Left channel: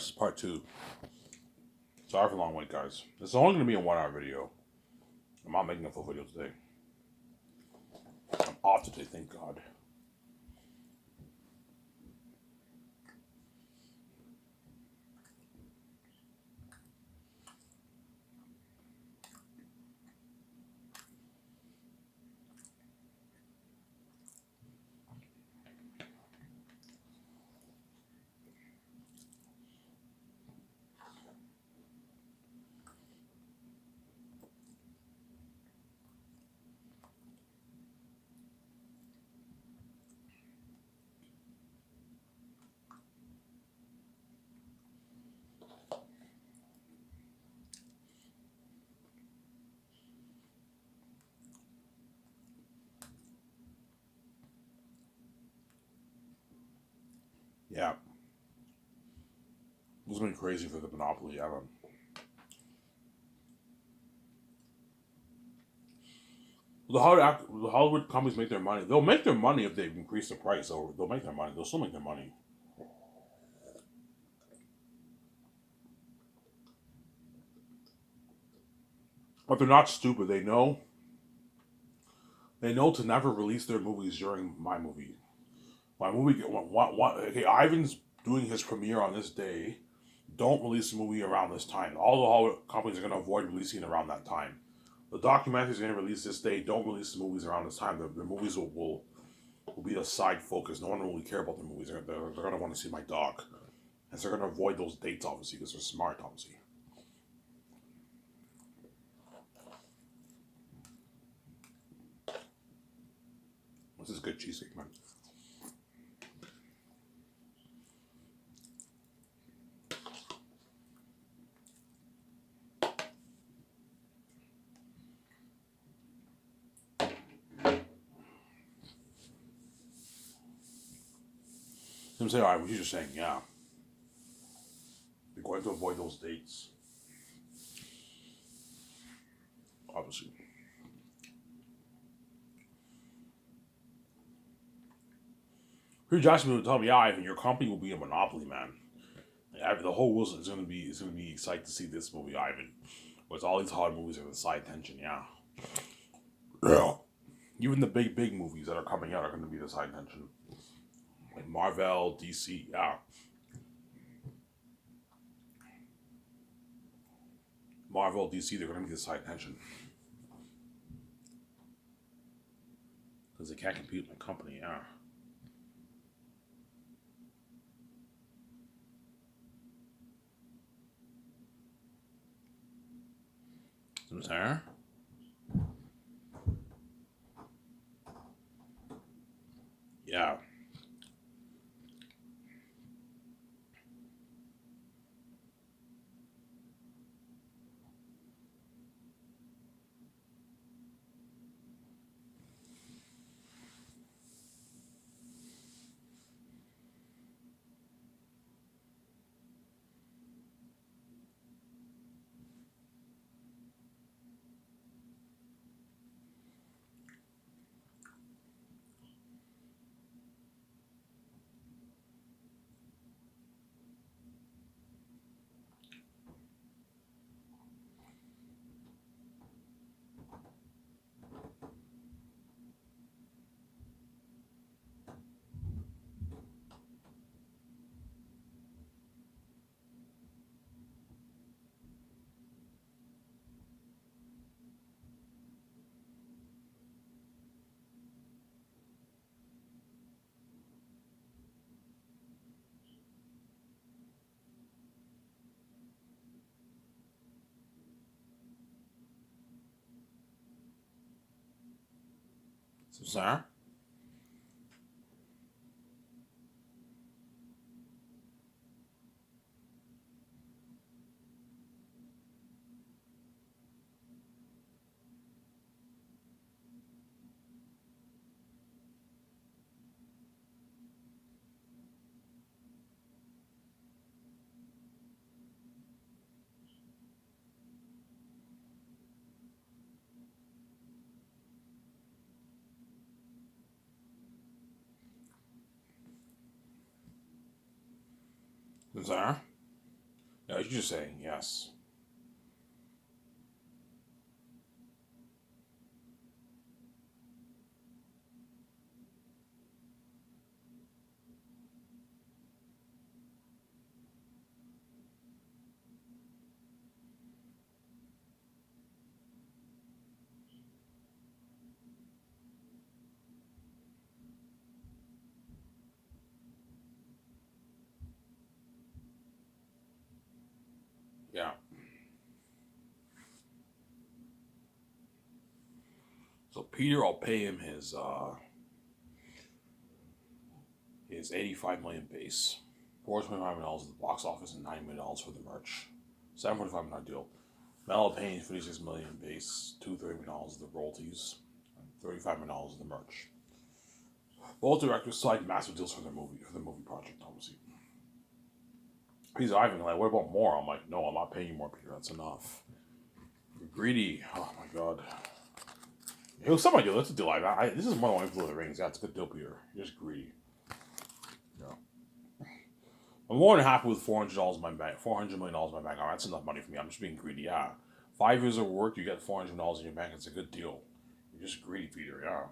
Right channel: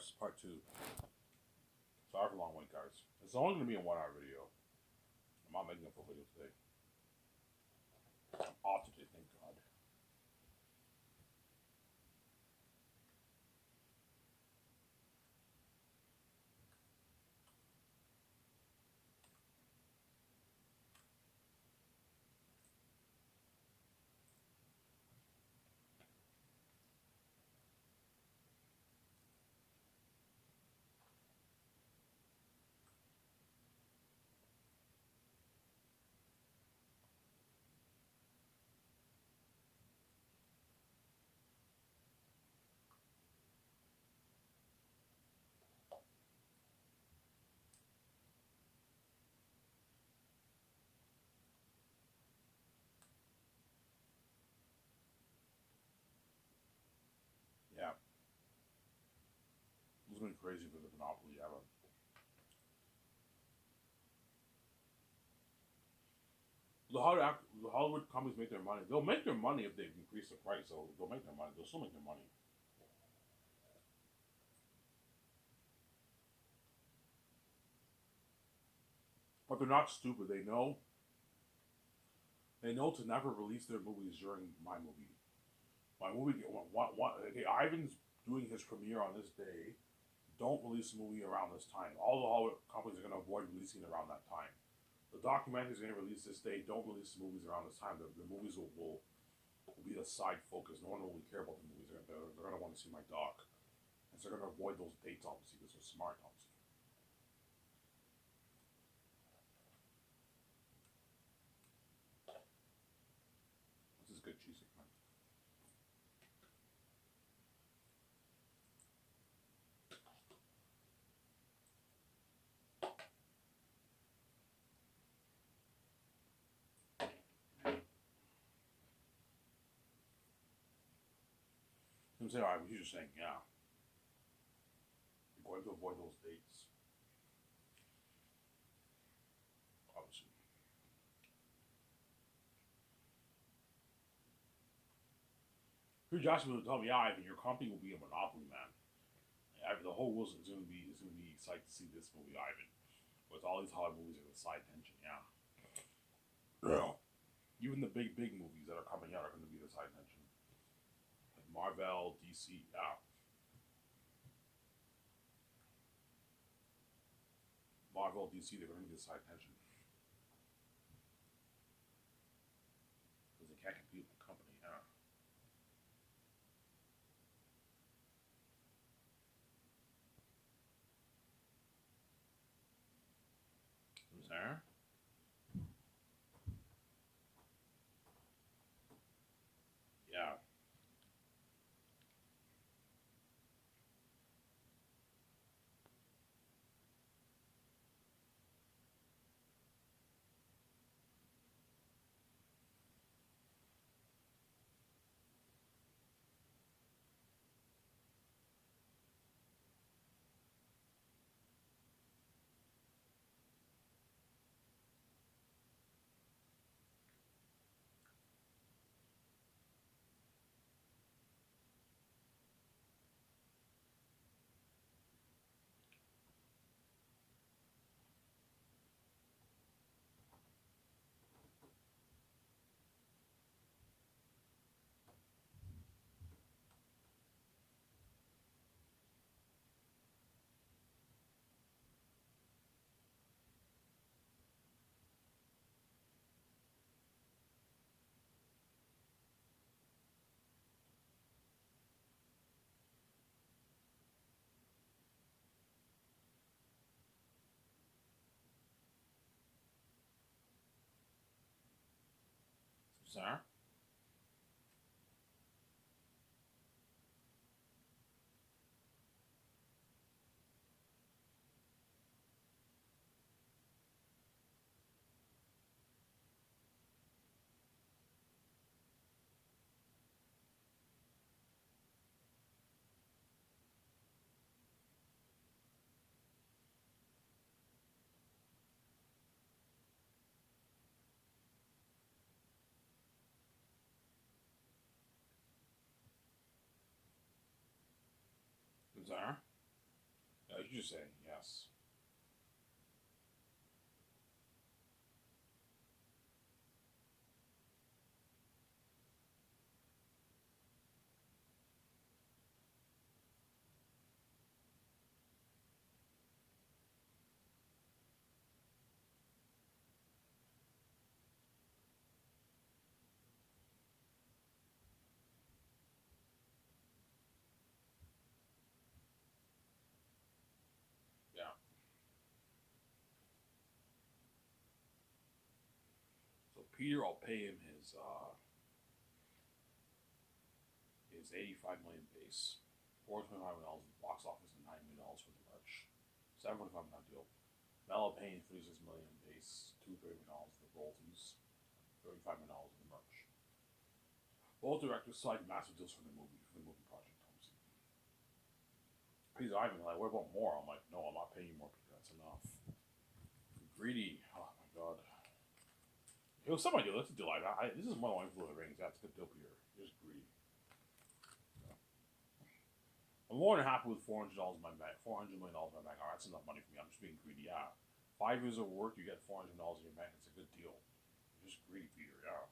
guys, it's part two. Sorry for the long wait, guys. It's only going to be a 1 hour video. I'm not making a full video today. I'm off today, thank God. Yeah. It's going to be crazy for the monopoly. The Hollywood companies make their money. They'll make their money if they increase the price, or they'll make their money. They'll still make their money. But they're not stupid. They know to never release their movies during my movie. My movie, okay, Ivan's doing his premiere on this day. Don't release the movie around this time. All the Hollywood companies are going to avoid releasing it around that time. The documentary is going to release this day. Don't release the movies around this time. The movies will be a side focus. No one will really care about the movies. They're going to want to see my doc. And so they're going to avoid those dates, obviously, because they're smart, obviously. This is good cheesecake, man. I'm saying, all right, what you're just saying, yeah. We're going to avoid those dates. Obviously. Hugh Jackson will tell me, yeah, Ivan, your company will be a monopoly, man. The whole world is going to be excited to see this movie, Ivan. With all these hard movies and the side tension, yeah. Yeah. Even the big movies that are coming out are going to be the side tension. Like Marvel, DC, yeah. Marvel, DC, they're going to be the side tension. Because they can't compete with my company, yeah. Who's there? Yeah. Who's there? Who's there? Yeah, you're just saying yes. Yeah. So Peter, I'll pay him his 85 million base, $425 at the box office, and $9 million for the merch. $745 deal. Mel paying 56 million base, $230 of the royalties, and $35 of the merch. Both directors signed massive deals for the movie project, obviously. He's Ivan, like, what about more? I'm like, no, I'm not paying you more, Peter. That's enough. You're greedy. Oh my god. It was something like, that's a deal. This is more than one Lord of the Rings. Yeah, it's a good deal, Peter. You're just greedy. Yeah. I'm more than happy with $400 in my bank. $400 million in my bank. Oh, that's enough money for me. I'm just being greedy. Yeah. 5 years of work, you get $400 in your bank. It's a good deal. You're just greedy, Peter. Yeah.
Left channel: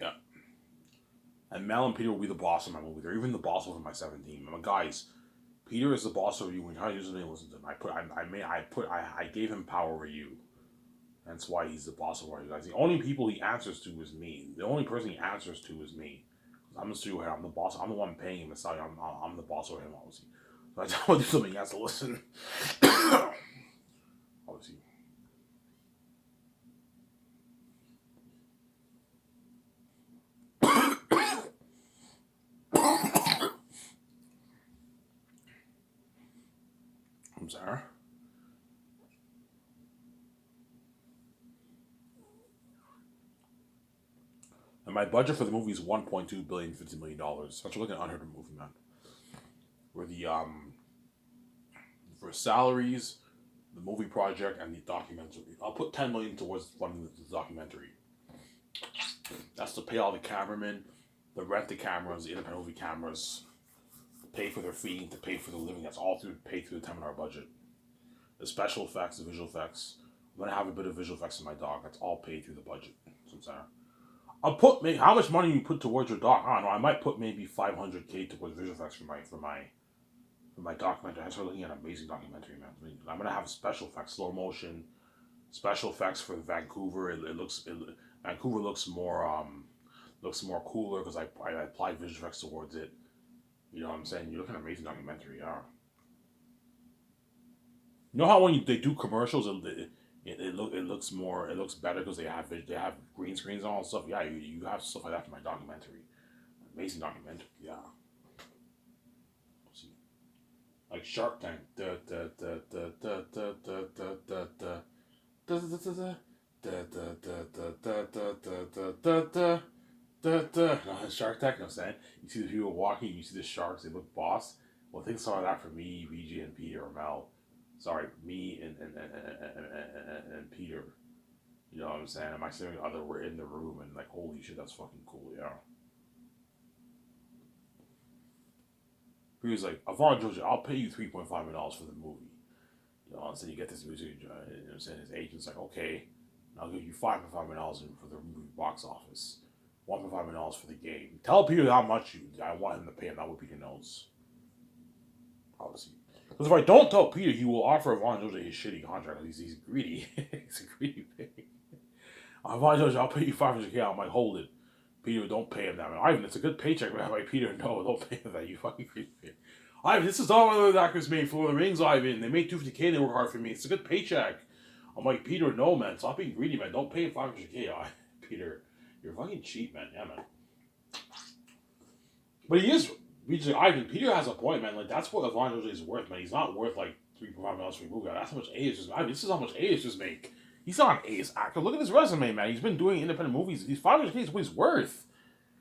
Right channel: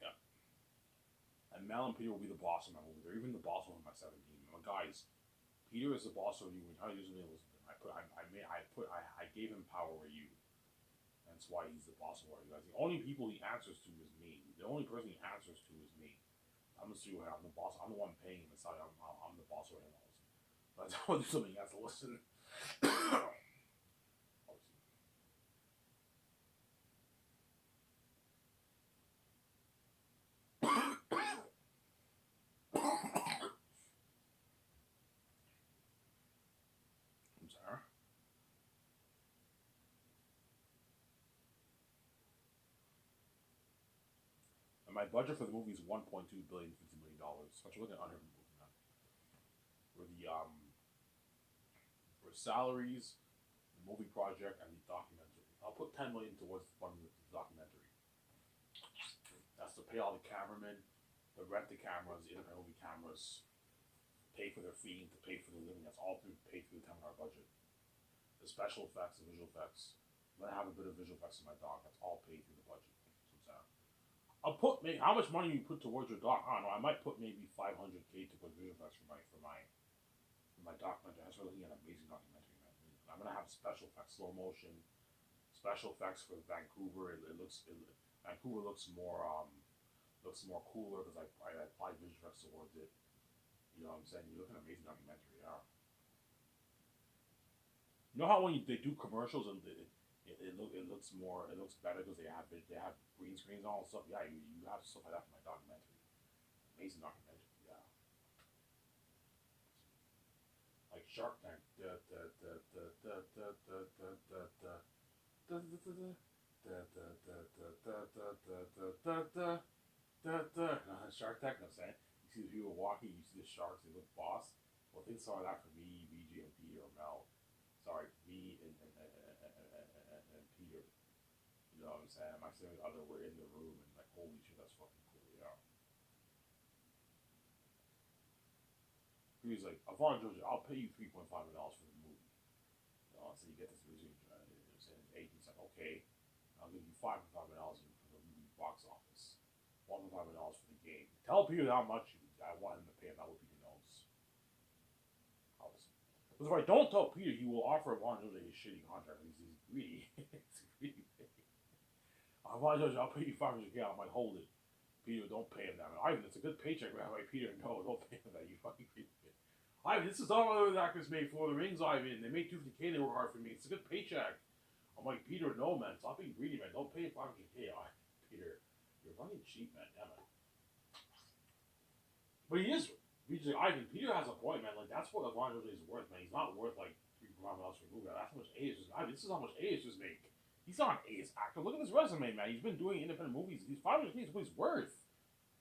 Yeah. And Mel and Peter will be the boss of my movie. They're even the boss over my 17. I'm like, guys, Peter is the boss over you. When you're using it, listen to him. I gave him power over you. That's why he's the boss of all you guys. The only people he answers to is me. The only person he answers to is me. I'm the studio head. I'm the boss. I'm the one paying him. I'm the boss over him, obviously. So I tell him to do something, he has to listen. Obviously. I'm sorry. And my budget for the movie is $1.2 billion, $50 million. That's like an unheard of movie, man. Where the for salaries, the movie project, and the documentary, I'll put $10 million towards funding the documentary. That's to pay all the cameramen, the rent the cameras, the independent movie cameras, pay for their feeding, to pay for the living. That's all through paid through the $10 budget. The special effects, the visual effects. I'm gonna have a bit of visual effects in my doc. That's all paid through the budget. So I'm saying. I'll put maybe how much money you put towards your doc. I don't know. I might put maybe 500K towards visual effects for my documentary. I started looking at an amazing documentary, man. I mean, I'm gonna have special effects, slow motion, special effects for Vancouver. Vancouver looks more cooler because I applied visual effects towards it. You know what I'm saying? You look at an amazing documentary. Yeah. You know how when they do commercials, it looks better because they have green screens and all that stuff. Yeah, you have stuff like that for my documentary. Amazing documentary. Yeah. See, like Shark Tank. Shark Tank. You know what I'm saying? You see the people walking. You see the sharks. They look boss. Well, think some of that for me, VJ, and Peter or Mel. Sorry, me and Peter. You know what I'm saying? My significant other were in the room and like, holy shit, that's fucking cool, yeah. He was like, Avon Georgia, I'll pay you $3.5 million for the movie. You know, and so you get this music, you know what I'm saying? His agent's like, okay, I'll give you $5.5 million for the movie box office, $1.5 million for the game. Tell Peter how much I want him to pay him. That way Peter knows, obviously. Because if I don't tell Peter, he will offer Avon Georgia his shitty contract. He's greedy. He's a greedy pig. Avon Georgia, I'll pay you 500K. I'm like, hold it. Peter, don't pay him that. Ivan, it's a good paycheck, man. I'm like, Peter, no, don't pay him that. You fucking creepy. Ivan, this is all my other actors made for the Rings, Ivan. They made 250K. They work hard for me. It's a good paycheck. I'm like, Peter, no, man. Stop being greedy, man. Don't pay him 500K. Peter, you're fucking cheap, man. Yeah, man. But he is. Ivan, Peter has a point, man. Like, that's what Avon is worth, man. He's not worth, like, $3.5 for a movie. That's how much A is just. Ivan, this is how much A is just make. He's not an ace actor. Look at his resume, man. He's been doing independent movies. He's 500K is what he's worth.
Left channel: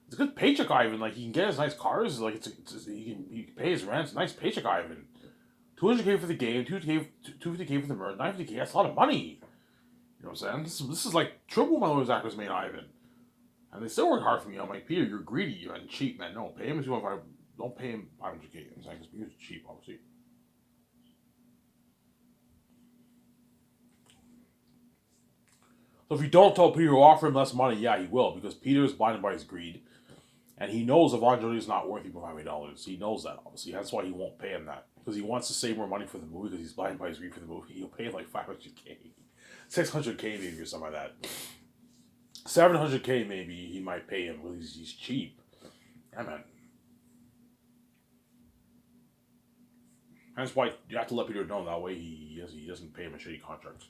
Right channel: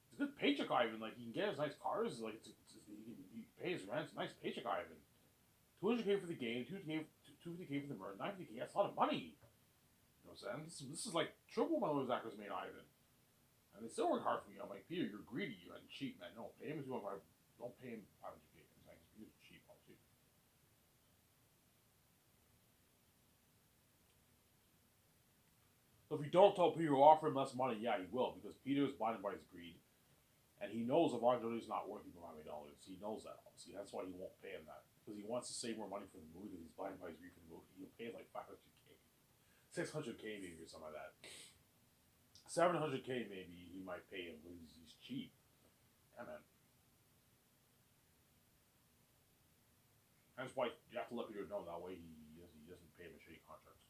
It's a good paycheck, Ivan. Like, he can get his nice cars. Like, he can pay his rent. It's a nice paycheck, Ivan. 200K for the game, 250K for the merch, 950K. That's a lot of money. You know what I'm saying? This is like triple my those actors made, Ivan. And they still work hard for me. I'm like, Peter, you're greedy and cheap, man. No, pay him 2.5. Don't pay him 500K. I'm saying, because Peter's cheap, obviously. So if you don't tell Peter to offer him less money, yeah, he will, because Peter is blinded by his greed. And he knows Yvonne Jody is not worth $500. He knows that, obviously. That's why he won't pay him that. Because he wants to save more money for the movie, because he's blinded by his greed for the movie. He'll pay like 500K. 600K maybe, or something like that. 700K maybe he might pay him, because he's cheap. Yeah, man. That's why you have to let Peter know, that way he doesn't pay him a shitty contract.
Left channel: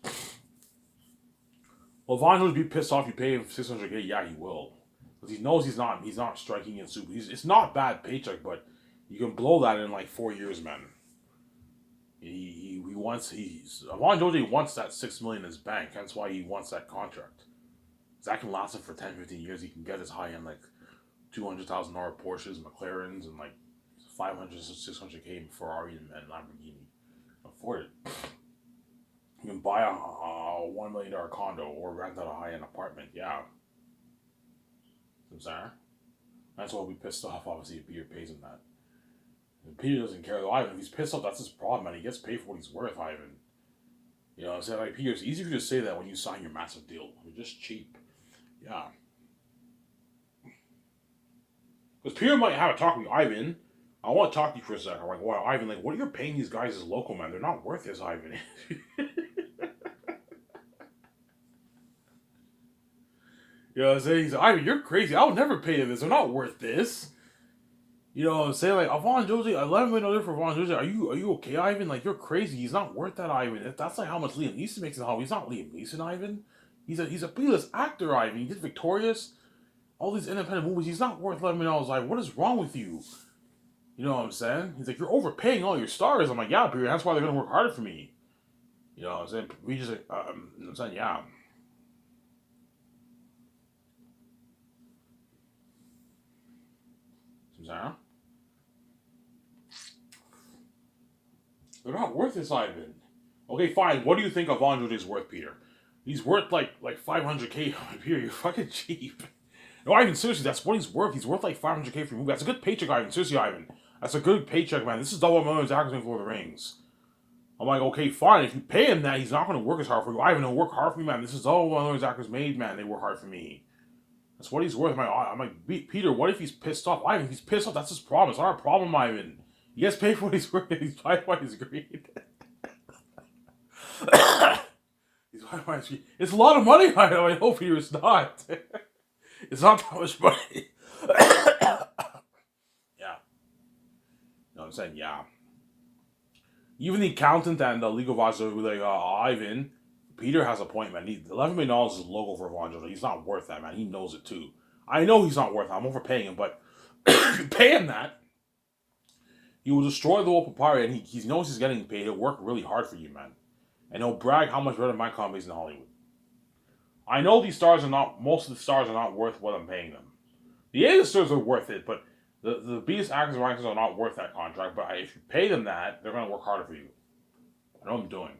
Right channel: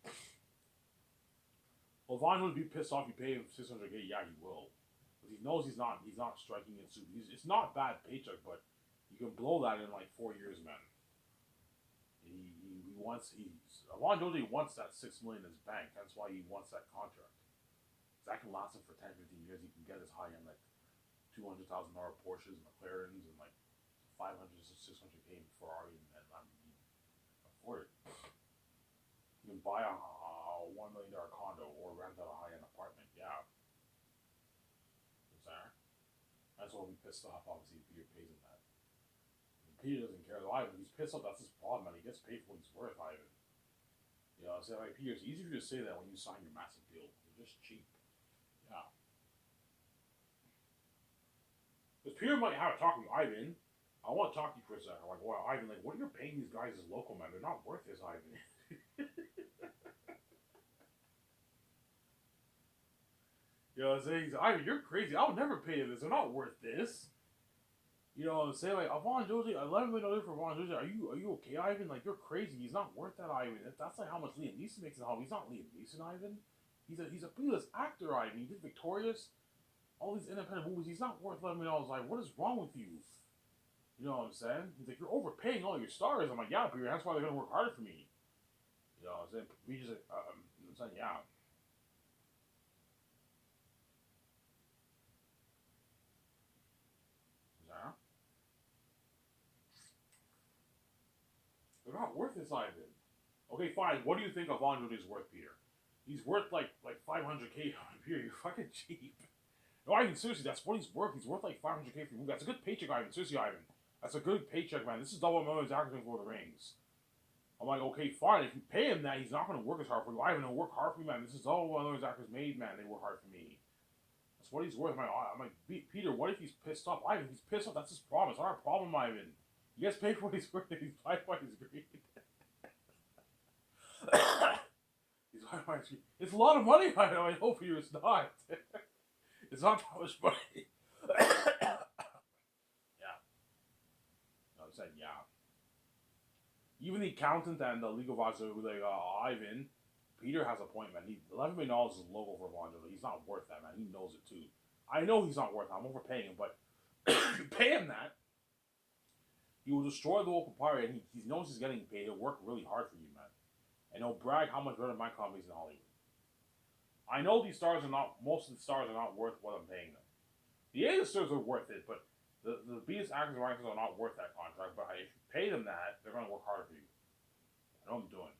Well, Von would be pissed off. You pay him 600K. Yeah, he will, because he knows he's not striking in super. It's not bad paycheck, but you can blow that in like 4 years, man. He wants Von Joji wants that $6 million in his bank. That's why he wants that contract. That can last him for 10, 15 years. He can get his high end like $200,000 Porsches, McLarens, and like 500, 600K Ferrari and Lamborghini. Afford it. You can buy a $1 million condo or rent out a high end apartment. Yeah. I'm sorry. That's why we'll be pissed off, obviously, if Peter pays him that. And Peter doesn't care, though, Ivan. If he's pissed off, that's his problem, man. He gets paid for what he's worth, Ivan. You know what I'm saying? Like, Peter, it's easy for you to say that when you sign your massive deal. You're just cheap. Yeah. Because Peter might have a talk with Ivan. I want to talk to you for a second. I'm like, wow, Ivan, like, what are you paying these guys as local, man? They're not worth this, Ivan. You know what I'm saying? He's like, Ivan, you're crazy. I would never pay them this. They're not worth this. You know what I'm saying? Like, Avon Josie, $11 million for Avon Josie. Are you okay, Ivan? Like, you're crazy. He's not worth that, Ivan. That's like how much Liam Neeson makes in Hollywood. He's not Liam Neeson, Ivan. He's a B-list actor, Ivan. He did Victorious, all these independent movies. He's not worth $11 million. Like, what is wrong with you? You know what I'm saying? He's like, you're overpaying all your stars. I'm like, yeah, Peter. That's why they're gonna work harder for me. You know what I'm saying? We just, I'm saying, yeah. Sarah? They're not worth this, Ivan. Okay, fine. What do you think of Andre's worth, Peter? He's worth like 500K. Peter, you're fucking cheap. No, Ivan, seriously, that's what he's worth. He's worth like 500K for a movie. That's a good paycheck, Ivan. Seriously, Ivan. That's a good paycheck, man. This is double millions actors for the rings. I'm like, okay, fine. If you pay him that, he's not going to work as hard for you. Ivan, he'll work hard for me, man. This is all one of those actors made, man. They work hard for me. That's what he's worth. I'm like, Peter, what if he's pissed off? Ivan, if he's pissed off, that's his problem. It's not our problem, Ivan. He gets paid for what he's worth. He's paid by his greed. He's paid by his greed. It's a lot of money, Ivan. I hope Peter, it's not. It's not that much money. Yeah. No, I'm saying, yeah. Even the accountant and the legal advisor were like, Ivan, Peter has a point, man. $11 million is a logo for Evangelo. He's not worth that, man. He knows it too. I know he's not worth that. I'm overpaying him, but if you pay him that, he will destroy the whole papyri, and he knows he's getting paid. He'll work really hard for you, man. And he'll brag how much better my comedy is in Hollywood. I know these stars are not, most of the stars are not worth what I'm paying them. The A-listers are worth it, but the biggest actors and writers are not worth that contract. But if you pay them that, they're going to work harder for you. I know what I'm doing.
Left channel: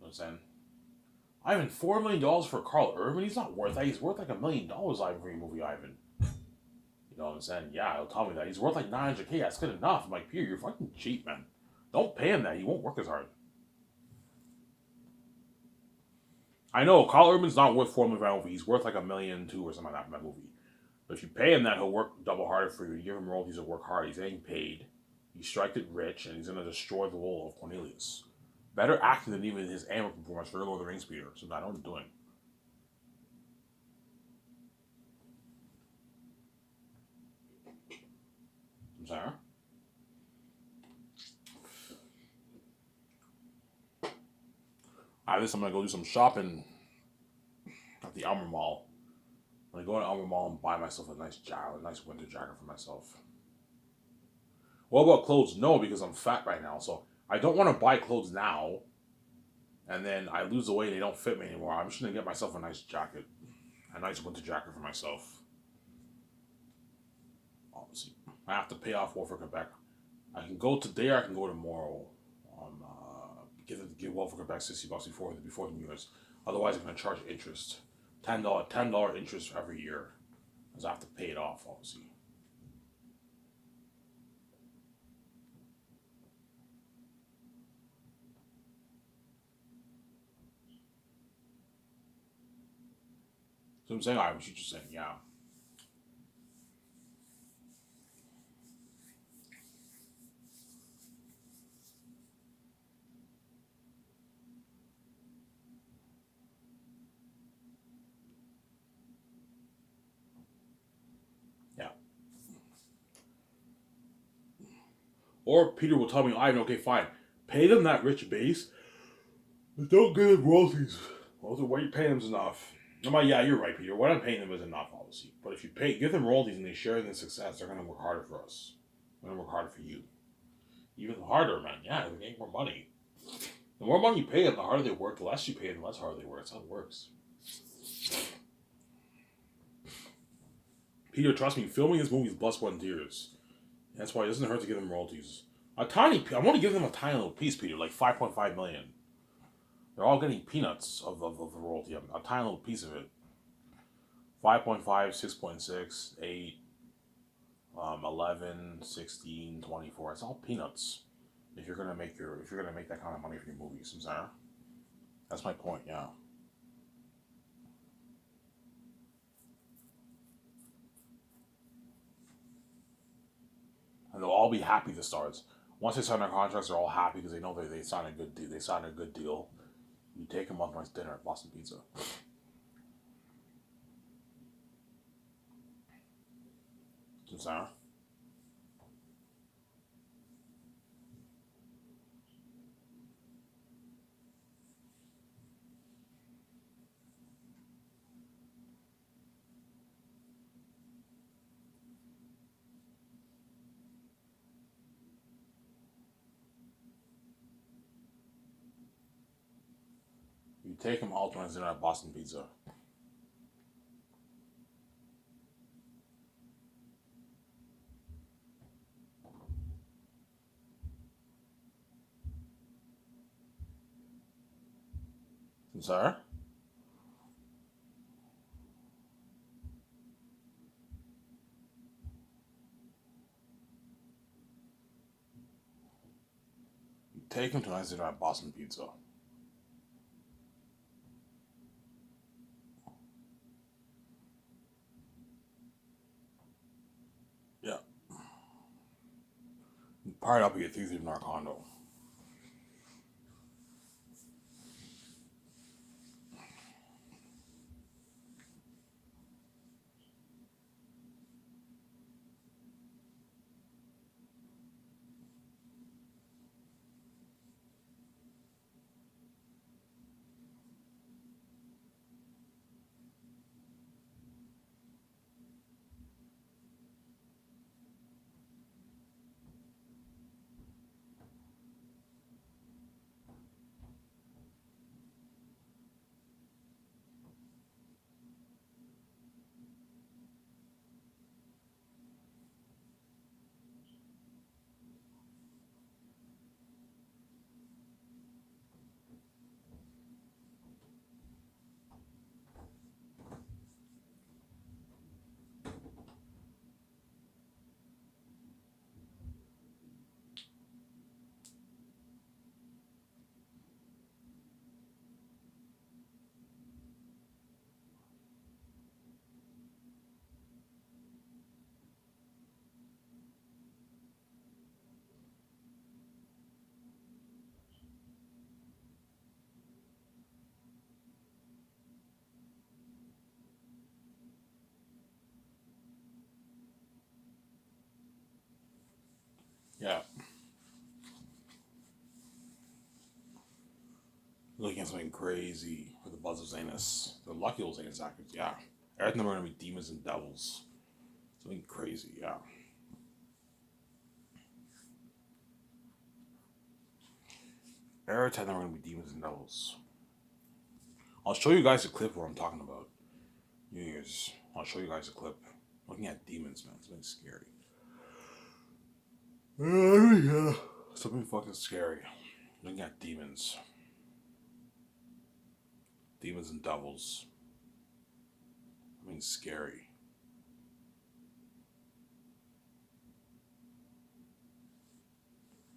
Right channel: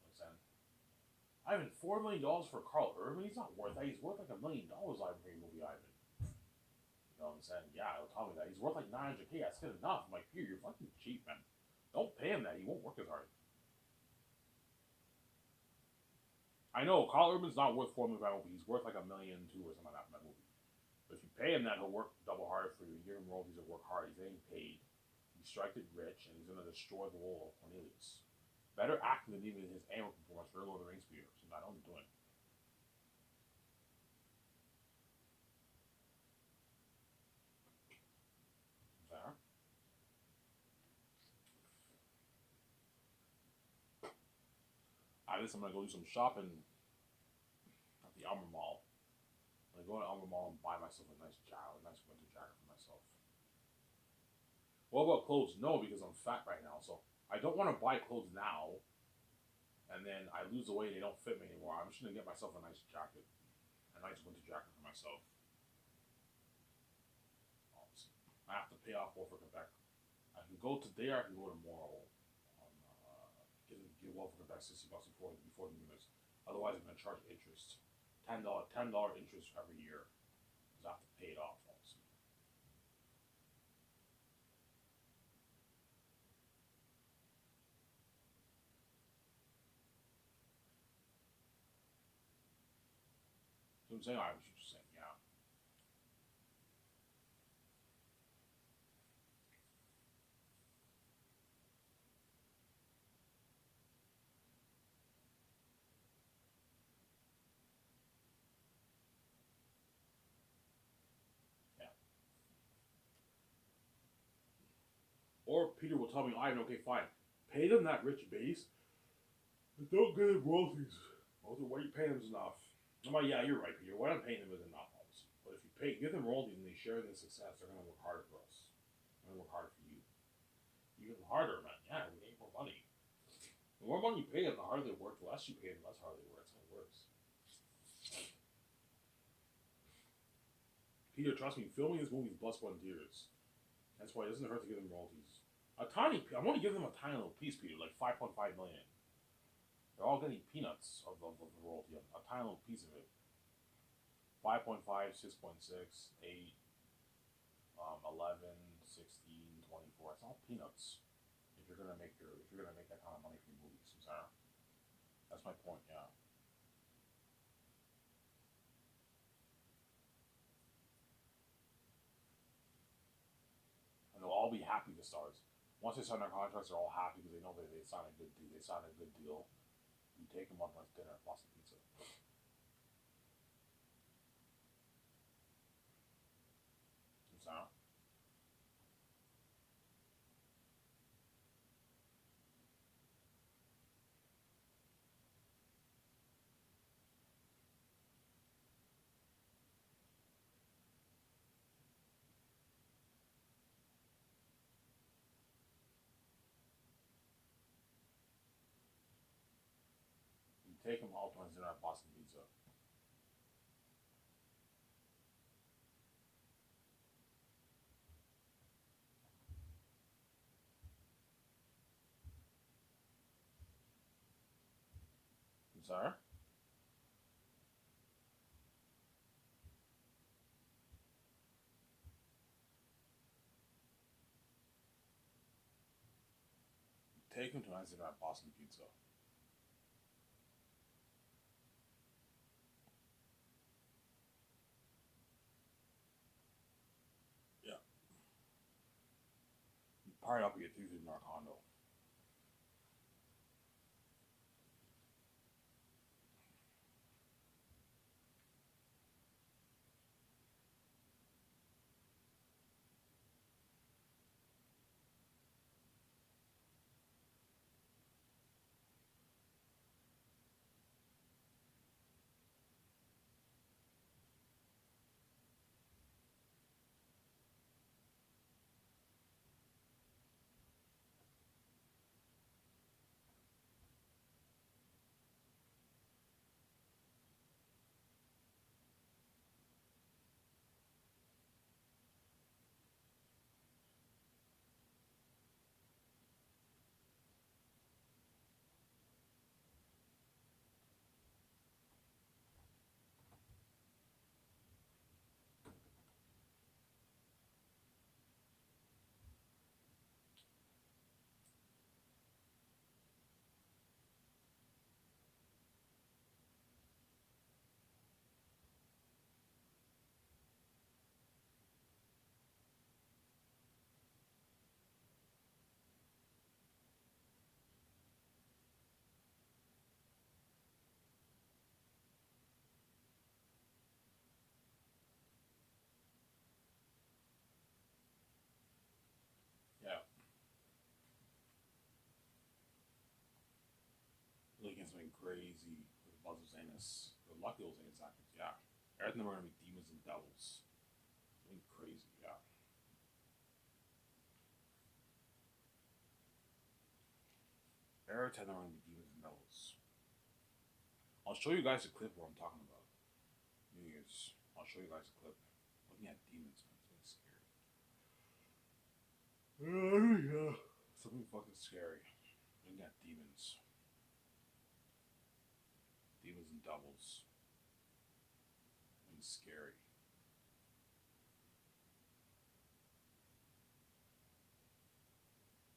You know what I'm saying? Ivan, $4 million for Carl Urban? He's not worth that. He's worth like $1 million, Ivan, for your movie, Ivan. You know what I'm saying? Yeah, he'll tell me that. He's worth like 900K. That's good enough. I'm like, Peter, you're fucking cheap, man. Don't pay him that. He won't work as hard. I know Carl Urban's not worth $4 million for that movie. He's worth like $1.2 million or something like that for that movie. But if you pay him that, he'll work double harder for you. You give him royalties, he'll work hard. He's getting paid. He striked it rich, and he's going to destroy the role of Cornelius. Better acting than even his Amber performance for Lord of the Rings, Peter. So I know what I'm doing. I'm sorry? After this, I'm going to go do some shopping at the Elmer Mall. I'm going to go to Elmer Mall and buy myself a nice jacket, a nice winter jacket for myself. What about clothes? No, because I'm fat right now. So I don't want to buy clothes now and then I lose the weight, they don't fit me anymore. I'm just gonna get myself a nice jacket, a nice winter jacket for myself. Obviously, I have to pay off Wolf for Quebec. I can go today, or I can go tomorrow. Give Wolf for Quebec $60 before the New Year's. Otherwise, I'm gonna charge interest, $10 interest every year, because I have to pay it off. Obviously. So I'm saying, I was just saying, yeah. Yeah. Or Peter will tell me, Ivan, okay, fine. Pay them that rich base, but don't give them royalties. Well, what you pay them is enough. I'm like, yeah, you're right, Peter. What I'm paying them is enough, obviously. But if you give them royalties and they share in the success, they're going to work harder for us. They're going to work harder for you. Even harder, man. Yeah, they make more money. The more money you pay them, the harder they work. The less you pay them, the less harder they work. That's how it works. Peter, trust me, filming this movie is blood, sweat, and tears. That's why it doesn't hurt to give them royalties. I want to give them a tiny little piece, Peter, like 5.5 million. They're all getting peanuts of the royalty, a tiny little piece of it. 5.5, 6.6, 8, 11, 16, 24. It's all peanuts. If you're gonna make that kind of money for your movies, I'm sorry. That's my point. Yeah. And they'll all be happy. The stars. Once they sign their contracts, they're all happy because they know they signed a good deal. They signed a good deal. You take them on a nice dinner at Boston Pizza. I'm sorry. You take them all to a nice dinner at Boston Pizza. I'm sorry. You take them to a nice dinner at Boston Pizza. Yeah. You part up, you get 3 in our condo. Yeah. Looking at something crazy for the buzz of Zanus. The lucky old Zanus actors, yeah. Everything are gonna be demons and devils. Something crazy, yeah. Every time they're gonna be demons and devils. I'll show you guys a clip of what I'm talking about. New Year's. I'll show you guys a clip. Looking at demons, man. It's been scary. Yeah. Something fucking scary. Looking at demons. Demons and devils. I mean, scary.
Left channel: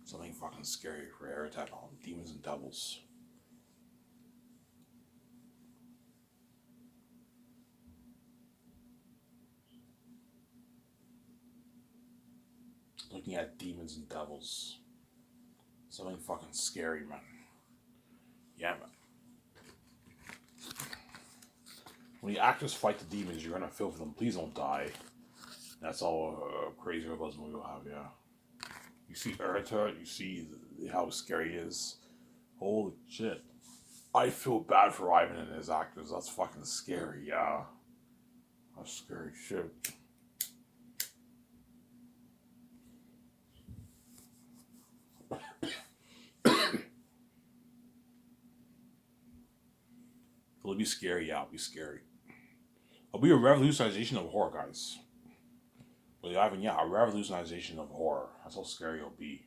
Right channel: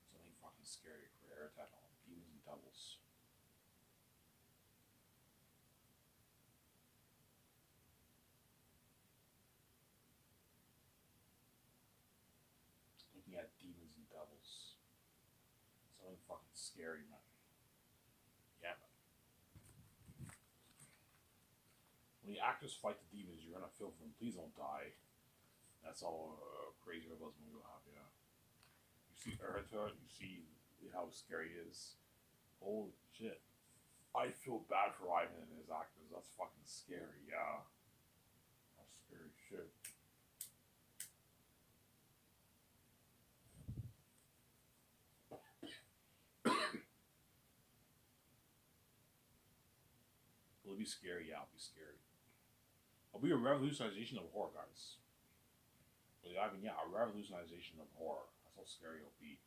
Something fucking scary for Aratat on demons and devils. Looking at demons and devils. Something fucking scary, man. Yeah, man. When the actors fight the demons, you're gonna feel for them. Please don't die. That's all crazy about this movie will have, yeah. You see Urta, you see how scary he is. Holy shit. I feel bad for Ivan and his actors. That's fucking scary, yeah. That's scary shit. It'll be scary, yeah, it'll be scary. It'll be a revolutionization of horror, guys. Well, Ivan, yeah, a revolutionization of horror. That's how scary it'll be.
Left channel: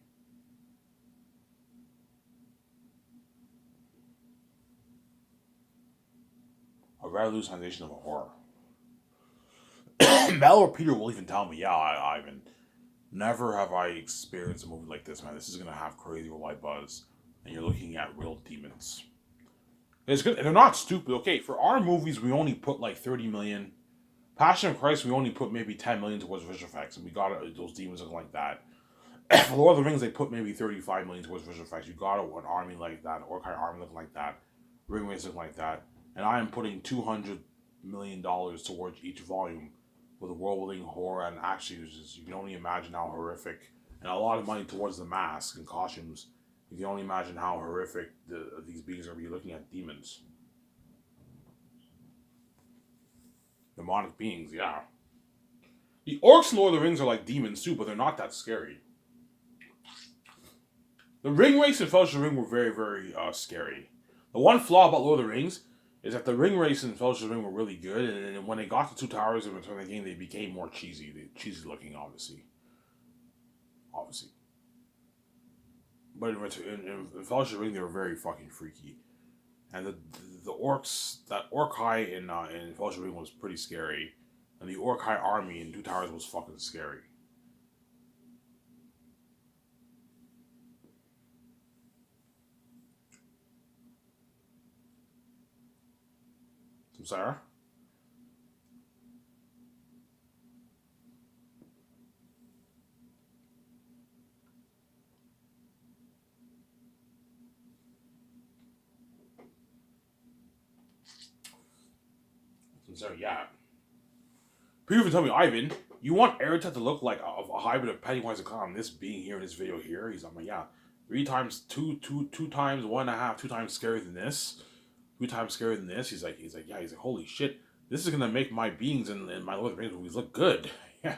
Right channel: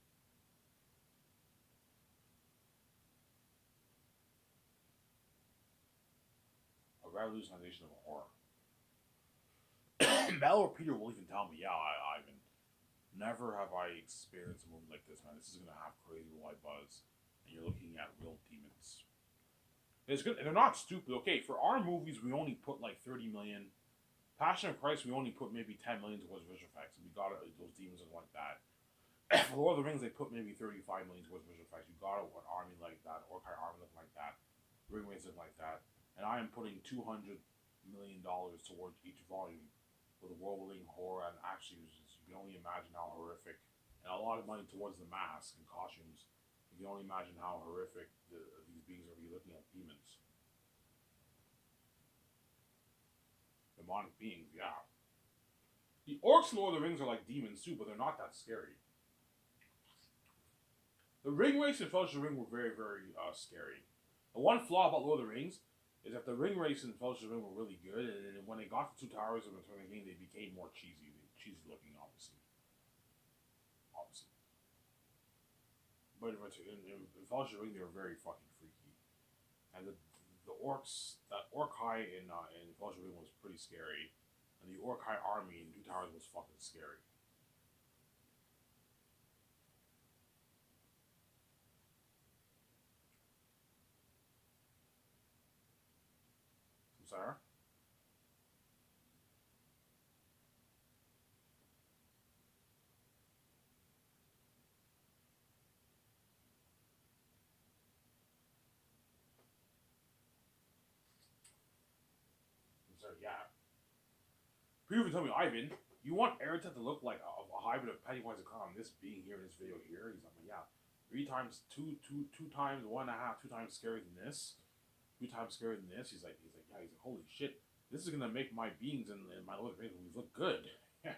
A revolutionization of horror. Mel or Peter will even tell me, yeah, Ivan, never have I experienced a movie like this, man. This is gonna have crazy worldwide buzz, and you're looking at real demons. It's good. They're not stupid. Okay, for our movies, we only put like 30 million. Passion of Christ, we only put maybe 10 million towards visual effects, and we got those demons looking like that. For Lord of the Rings, they put maybe 35 million towards visual effects. You got an army like that, an Orkai army looking like that, ring race looking like that, and I am putting $200 million towards each volume with world-building horror and action uses. You can only imagine how horrific, and a lot of money towards the mask and costumes. You can only imagine how horrific these beings are going to be looking at demons. Demonic beings, yeah. The orcs in Lord of the Rings are like demons too, but they're not that scary. The ring race and Fellowship of the Ring were very, very scary. The one flaw about Lord of the Rings is that the ring race and Fellowship of the Ring were really good, and when they got to Two Towers and Return of the King, they became more cheesy. Cheesy looking, obviously. Obviously. But in Fellowship of the Ring, they were very fucking freaky. And the orcs, that Orkai in Fellowship of the Ring was pretty scary. And the Orkai army in Two Towers was fucking scary. Sarah? Sarah, yeah. People even tell me, Ivan, you want Aratat to look like a hybrid of Pennywise and Clown. This being here in this video here, he's like, yeah, two times, 1.5, 2 times scarier than this, 3 times scarier than this. He's like, yeah, he's like, holy shit, this is gonna make my beings in my Lord of the Rings movies look good. Yeah,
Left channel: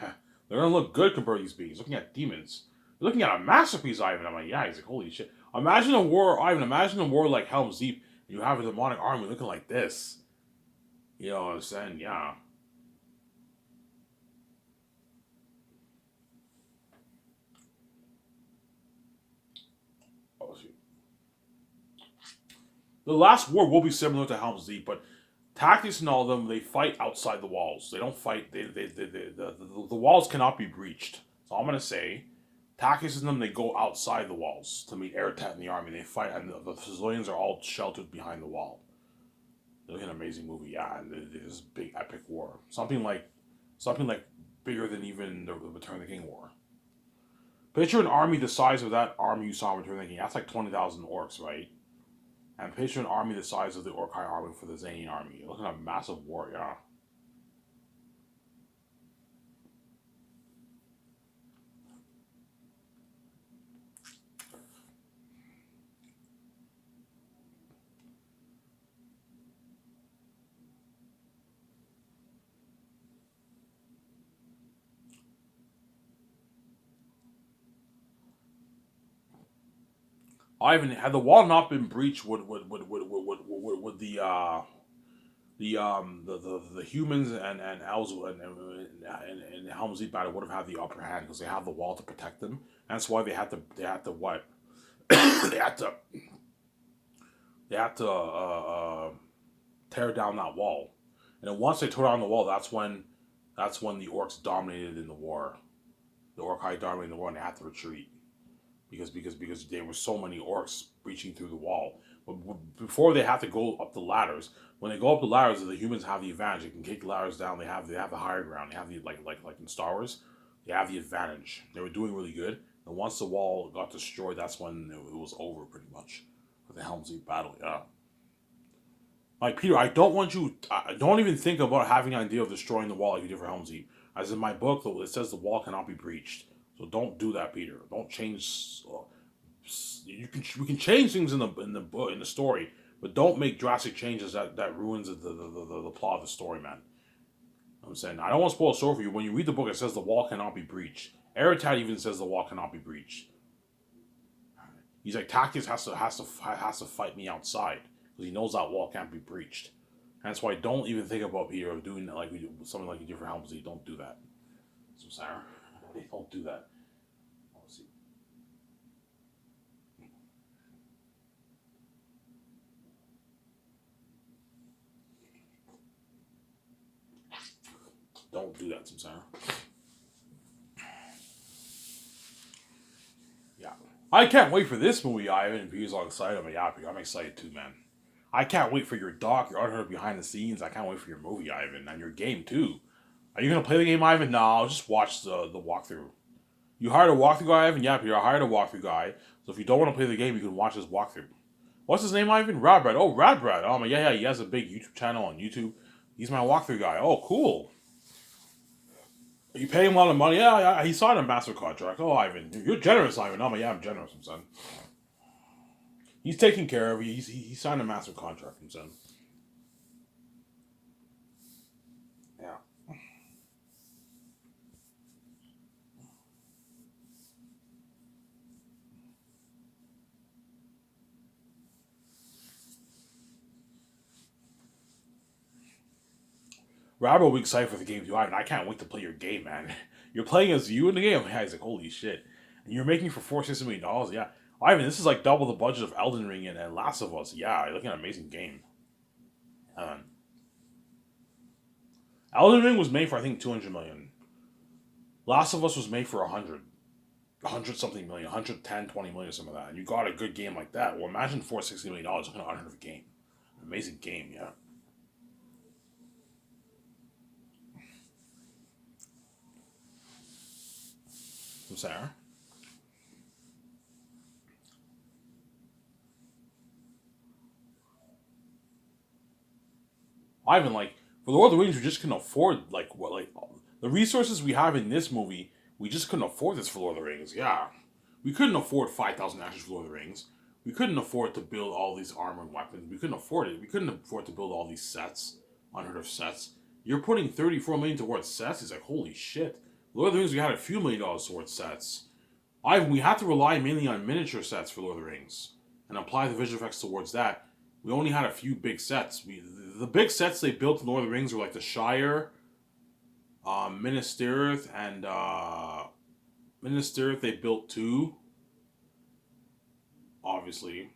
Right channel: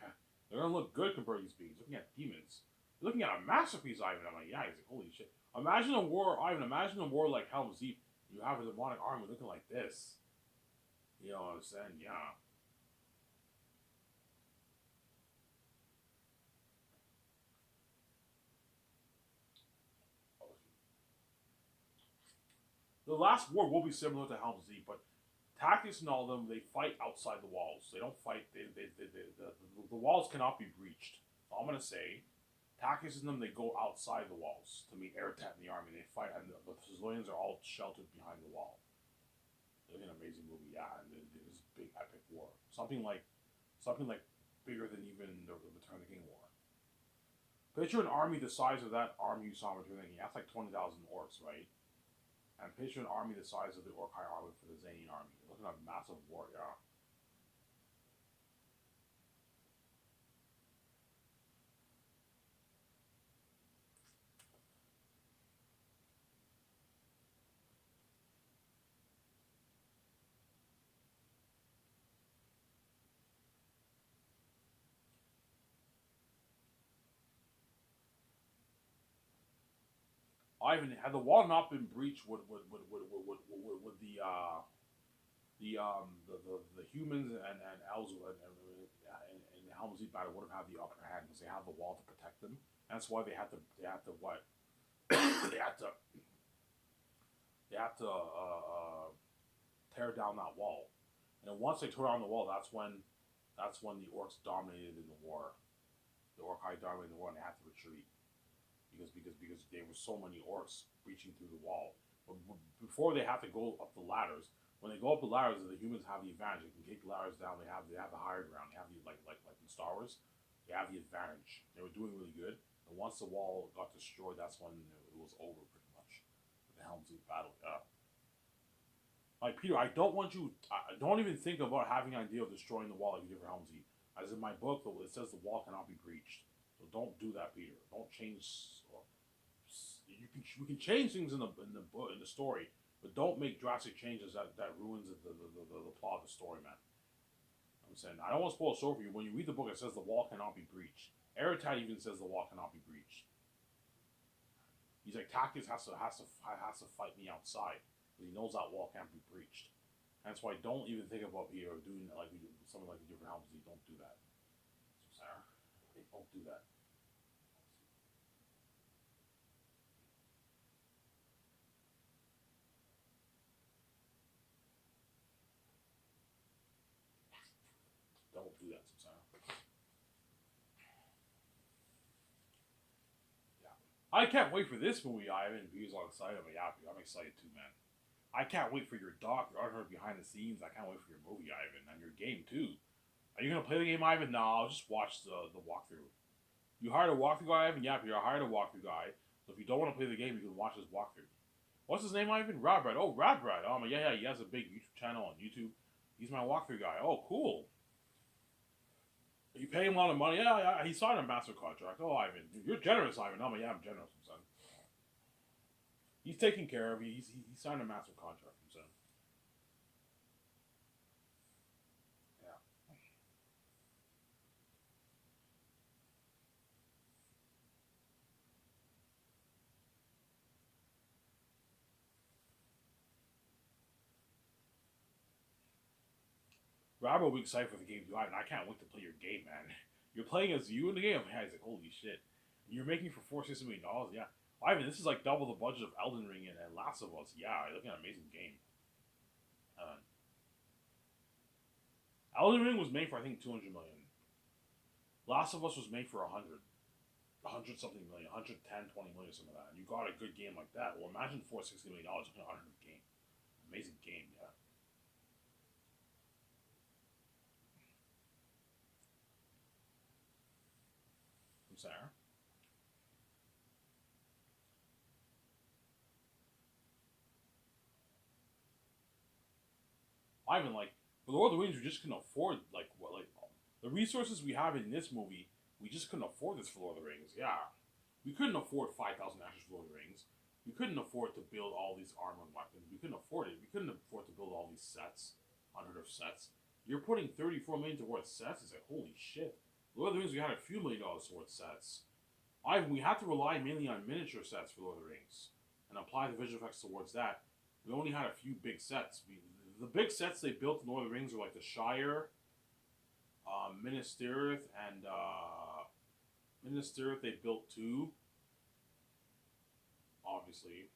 they're gonna look good compared to these beings. Looking at demons, they're looking at a masterpiece, Ivan. I'm like, yeah, he's like, holy shit. Imagine a war, Ivan. Imagine a war like Helm's Deep. You have a demonic army looking like this. You know what I'm saying? Yeah. The last war will be similar to Helm's Deep, but tactics and all of them, they fight outside the walls. They don't fight. The walls cannot be breached. So I'm gonna say, tactics in them, they go outside the walls to meet Aratat and the army. They fight, and the civilians are all sheltered behind the wall. It's an amazing movie, yeah. And this big epic war, something like bigger than even the Return of the King war. Picture an army the size of that army you saw in Return of the King. That's like 20,000 orcs, right? And picture an army the size of the Orkai army for the Zany army. You're looking at a massive war, yeah. Ivan, had the wall not been breached, would the The humans and elves and Helm's Deep battle would have had the upper hand because they have the wall to protect them. That's why they had to what they had to they had to tear down that wall. And then once they tore down the wall, that's when the orcs dominated in the war. The Orcai dominated the war, and they had to retreat because there were so many orcs breaching through the wall. But before they have to go up the ladders, when they go up the ladders, the humans have the advantage. They can kick the ladders down. They have the higher ground. They have the like in Star Wars, they have the advantage. They were doing really good. And once the wall got destroyed, that's when it was over pretty much for the Helm's Deep battle. Yeah. Like Peter, I don't want you. I don't even think about having an idea of destroying the wall like you did for Helm's Deep. As in my book, it says the wall cannot be breached. So don't do that, Peter. Don't change. We can change things in the book in the story, but don't make drastic changes that ruins the plot of the story, man. I'm saying I don't want to spoil the story for you. When you read the book, it says the wall cannot be breached. Eritad even says the wall cannot be breached. He's like Tactics has to fight me outside because he knows that wall can't be breached. And that's why don't even think about Peter of doing that like we do, something like you do for Helm's Deep. Don't do that. So Sarah, don't do that. Don't do that, Sarah. Yeah. I can't wait for this movie, Ivan, and Peter's all excited. I'm excited too, man. I can't wait for your doc, your unheard behind the scenes. I can't wait for your movie, Ivan, and your game too. Are you gonna play the game, Ivan? No, I'll just watch the walkthrough. You hired a walkthrough guy, Ivan? Yeah, Peter, I hired a walkthrough guy. So if you don't want to play the game, you can watch this walkthrough. What's his name, Ivan? Radbrad. Oh, Radbrad. Oh, my, yeah, yeah. He has a big YouTube channel on YouTube. He's my walkthrough guy. Oh, cool. You pay him a lot of money? Yeah, yeah. He signed a master contract. Oh, Ivan, you're generous, Ivan. Oh, my, yeah, I'm generous, son. He's taken care of. He signed a master contract, son. Yeah. Robert will be excited for the game too. I can't wait to play your game, man. You're playing as you in the game. Yeah, he's like, holy shit. And you're making for $460 million. Yeah. Ivan, this is like double the budget of Elden Ring and Last of Us. Yeah, you're looking at an amazing game. Um, Elden Ring was made for I think 200 million. Last of Us was made for 100 something million, 110, 20 million, some of that. And you got a good game like that. Well, imagine $460 million looking at 100 game. Amazing game, yeah. From Sarah. Ivan, like for Lord of the Rings, we just couldn't afford like the resources we have in this movie. We just couldn't afford this for Lord of the Rings. Yeah, we couldn't afford 5,000 actors for Lord of the Rings. We couldn't afford to build all these armor and weapons. We couldn't afford it. We couldn't afford to build all these sets, unheard of sets. You're putting 34 million towards sets. He's like, holy shit. Lord of the Rings, we had a few $1 million towards sets. We had to rely mainly on miniature sets for Lord of the Rings and apply the visual effects towards that. We only had a few big sets. The big sets they built in Lord of the Rings were like the Shire, Minas Tirith, and Minas Tirith they built two. Obviously,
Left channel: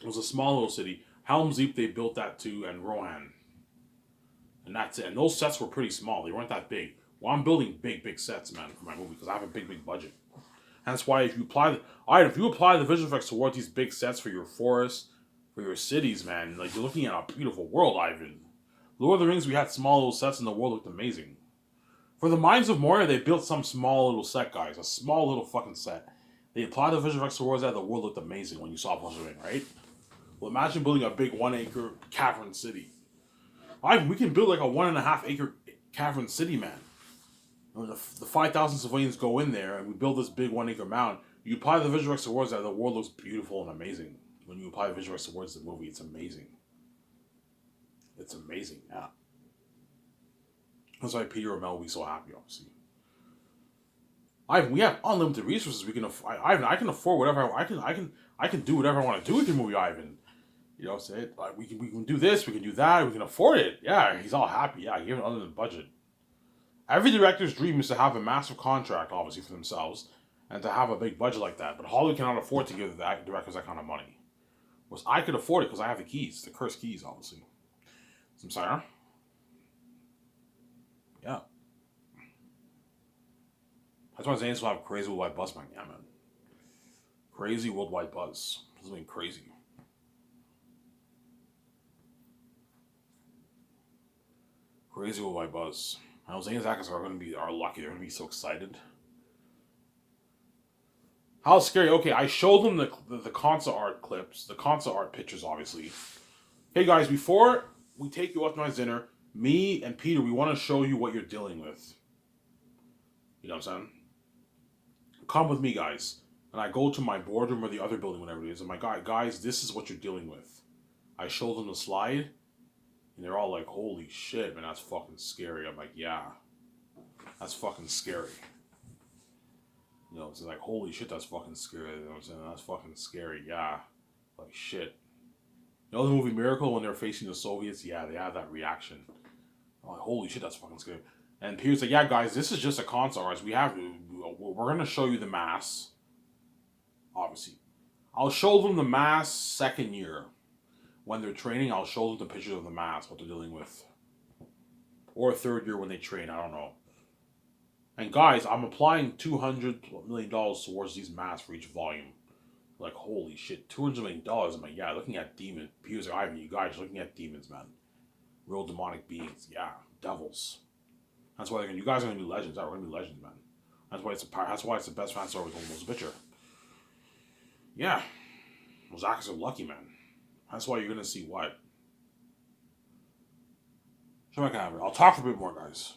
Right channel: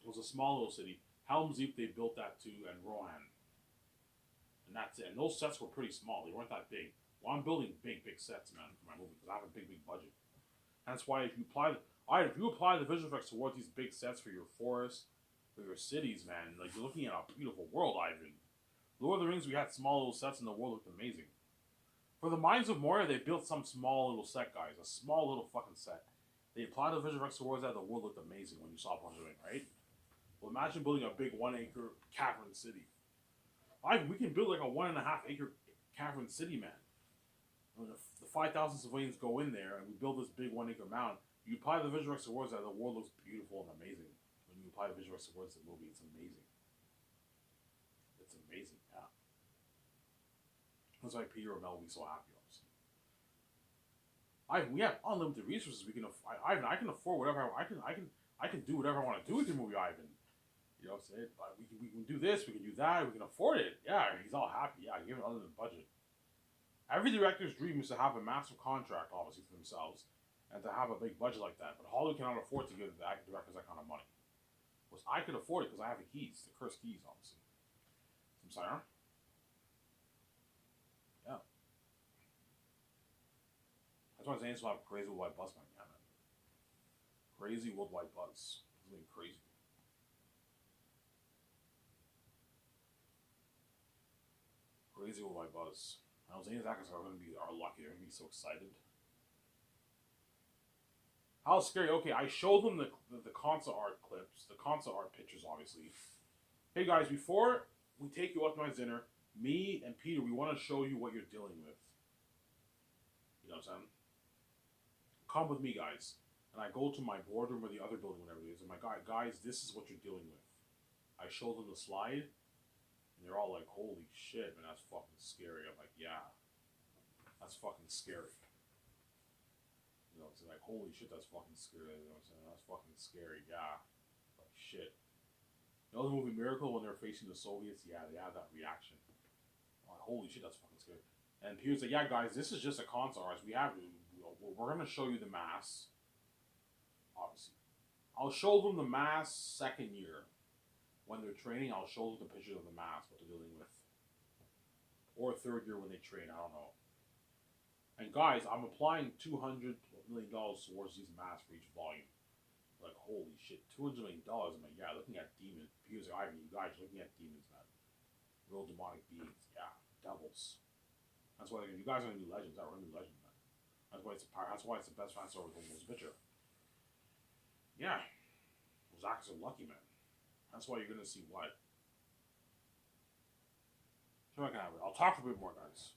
it was a small little city. Helm's Deep they built that too, and Rohan, and that's it. And those sets were pretty small. They weren't that big. Well, I'm building big sets, man, for my movie because I have a big budget. And that's why if you apply the visual effects towards these big sets for your forests, for your cities, man, like you're looking at a beautiful world, Ivan. Lord of the Rings, we had small little sets and the world looked amazing. For the Mines of Moria, they built some small little set, guys. A small little fucking set. They applied the visual effects towards that, the world looked amazing when you saw Fellowship of the Ring, right? Well, imagine building a big 1 acre cavern city. Ivan, we can build like a 1.5 acre cavern city, man. When the 5,000 civilians go in there and we build this big 1 acre mound, you apply the visual effects towards that, the world looks beautiful and amazing. When you apply the visual effects towards the movie, it's amazing. It's amazing, yeah. That's why Peter O'Mell will be so happy, obviously. Ivan, we have unlimited resources. Ivan, I can afford whatever I can do whatever I want to do with the movie, Ivan. You know, say it like we can do this, we can do that, we can afford it. Yeah, he's all happy. Yeah, given under the budget. Every director's dream is to have a massive contract, obviously for themselves, and to have a big budget like that. But Hollywood cannot afford to give that directors that kind of money. Whereas I could afford it because I have the keys, the cursed keys, obviously. Some sorry. Yeah, that's why Zane's will have crazy worldwide buzz, man. Yeah, man. Crazy worldwide buzz. This is being crazy. Crazy worldwide buzz. I know Zane and Zach are going to be are lucky. They're going to be so excited. How scary. Okay, I showed them the concept art clips, the concept art pictures, obviously. Hey guys, before we take you out to my dinner, me and Peter, we want to show you what you're dealing with. You know what I'm saying? Come with me, guys. And I go to my boardroom or the other building, whatever it is. And my guys, this is what you're dealing with. I show them the slide, and they're all like, "Holy shit, man, that's fucking scary." I'm like, "Yeah, that's fucking scary." You know, it's like, "Holy shit, that's fucking scary." You know what I'm saying? That's fucking scary. Yeah, like shit. You know the movie Miracle when they're facing the Soviets? Yeah, they have that reaction. I'm like, holy shit, that's fucking scary. And Peter's like, yeah, guys, this is just a console. Right? We're going to show you the mass, obviously. I'll show them the mass second year. When they're training, I'll show them the pictures of the mass, what they're dealing with. Or third year when they train, I don't know. And guys, I'm applying $200 million towards these masks for each volume. Like, holy shit, $200 million. I'm like, yeah, looking at demons. Peter's like, Ivan, you guys are looking at demons, man. Real demonic beings. Yeah, devils. That's why you guys are gonna be legends. We're gonna be legends, man. That's why it's the best fan service almost picture. Yeah, well, Zach is a lucky man. That's why you're gonna see what. Show my camera. I'll talk for a bit more, guys.